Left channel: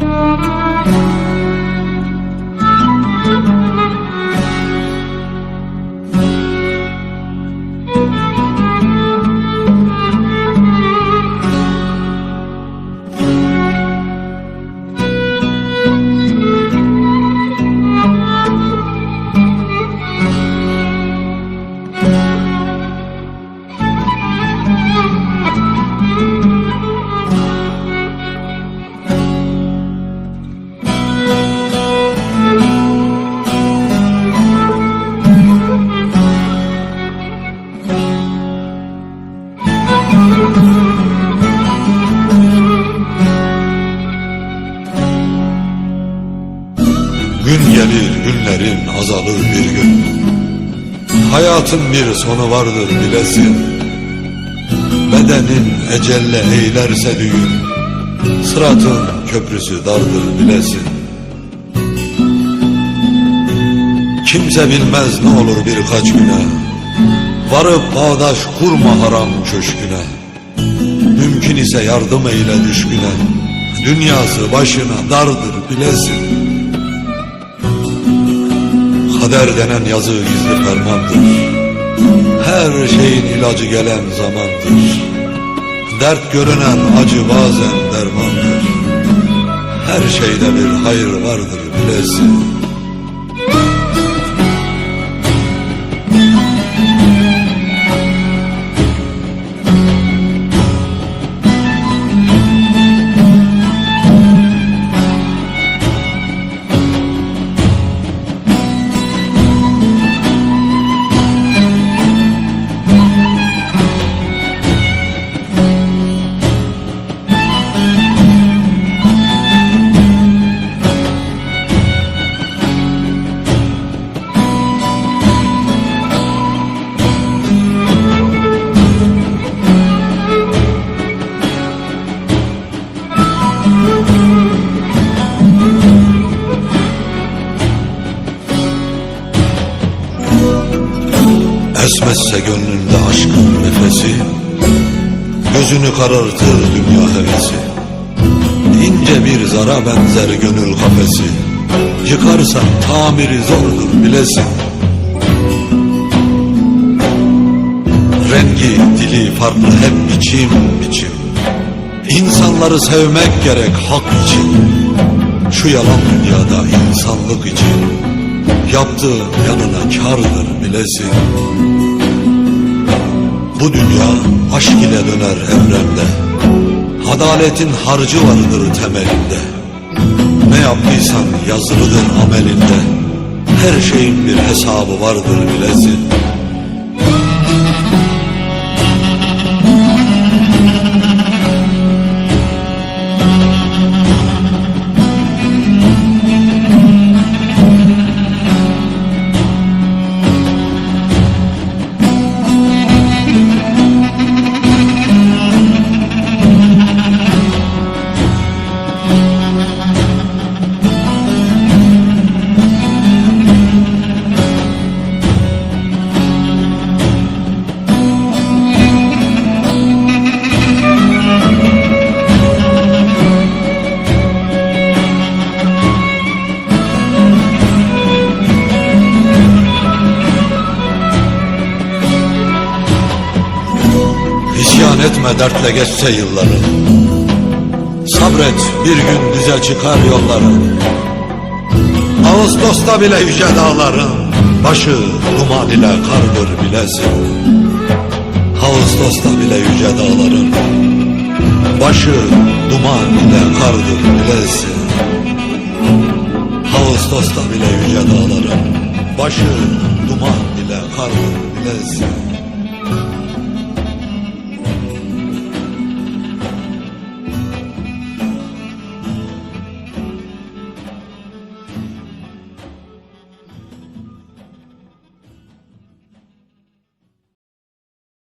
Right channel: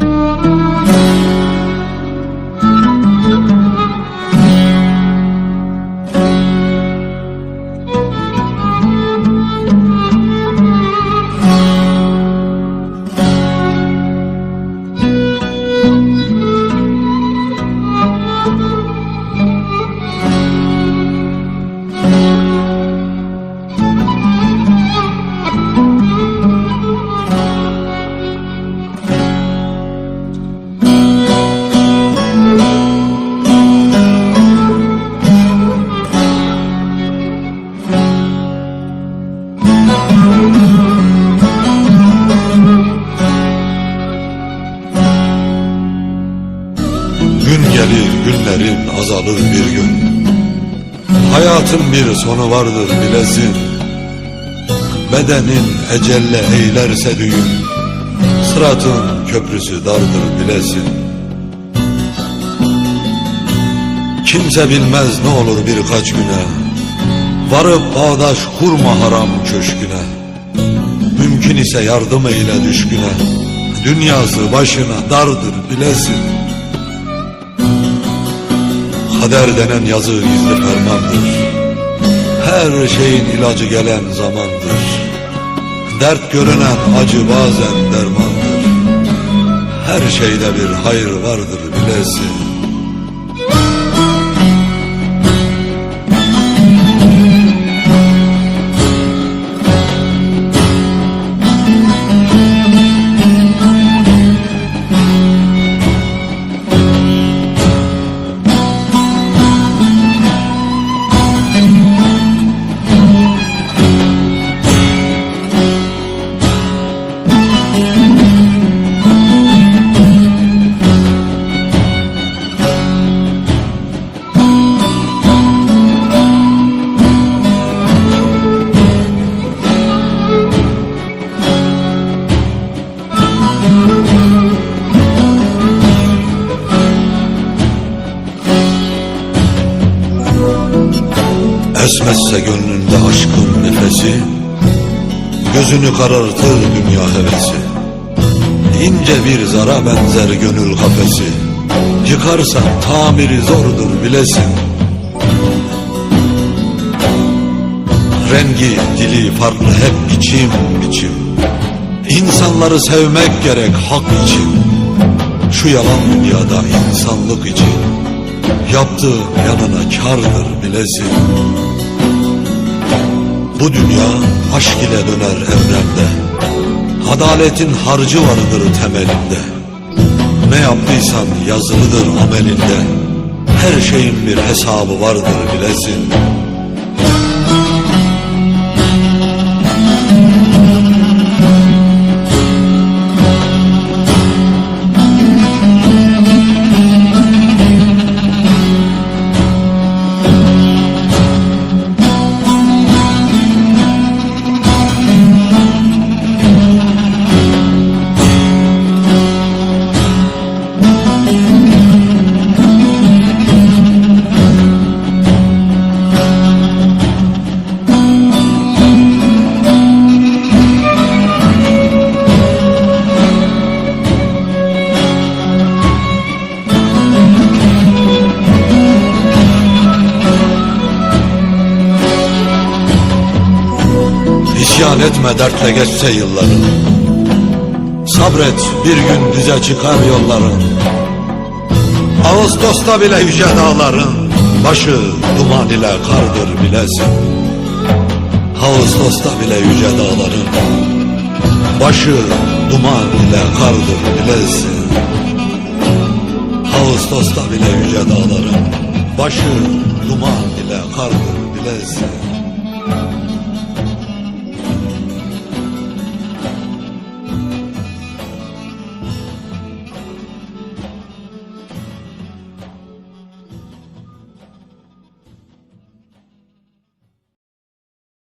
Gün gelir günlerin azalır bir gün. Hayatın bir sonu vardır bilesin. Bedenin ecelle eylerse düğün Sıratın köprüsü dardır bilesin. Kimse bilmez ne olur birkaç güne. Varıp bağdaş kurma haram köşküne. Mümkün ise yardım eyle düşküne. Dünyası başına dardır bilesin Kader denen yazı gizli fermandır. Her şeyin ilacı gelen zamandır. Dert görünen acı bazen dermandır. Her şeyde bir hayır vardır bilesin Esmezse gönlünde aşkın nefesi Gözünü karartır dünya hevesi. İnce bir zara benzer gönül kafesi Yıkarsan tamiri zordur bilesin. Rengi, dili farklı hep biçim biçim. İnsanları sevmek gerek hak için. Şu yalan dünyada insanlık için. Yaptığın yanına kardır bilesin Bu dünya aşk ile döner evrende Adaletin harcı vardır temelinde. Ne yaptıysan yazılıdır amelinde. Her şeyin bir hesabı vardır bilesin İsyan etme dertle geçse yılların Sabret bir gün düze çıkar yolların Ağustos'ta bile yüce dağların Başı duman ile kardır bilesin. Ağustos'ta bile yüce dağların Başı duman ile kardır bilesin. Ağustos'ta bile yüce dağların Başı duman ile kardır bilesin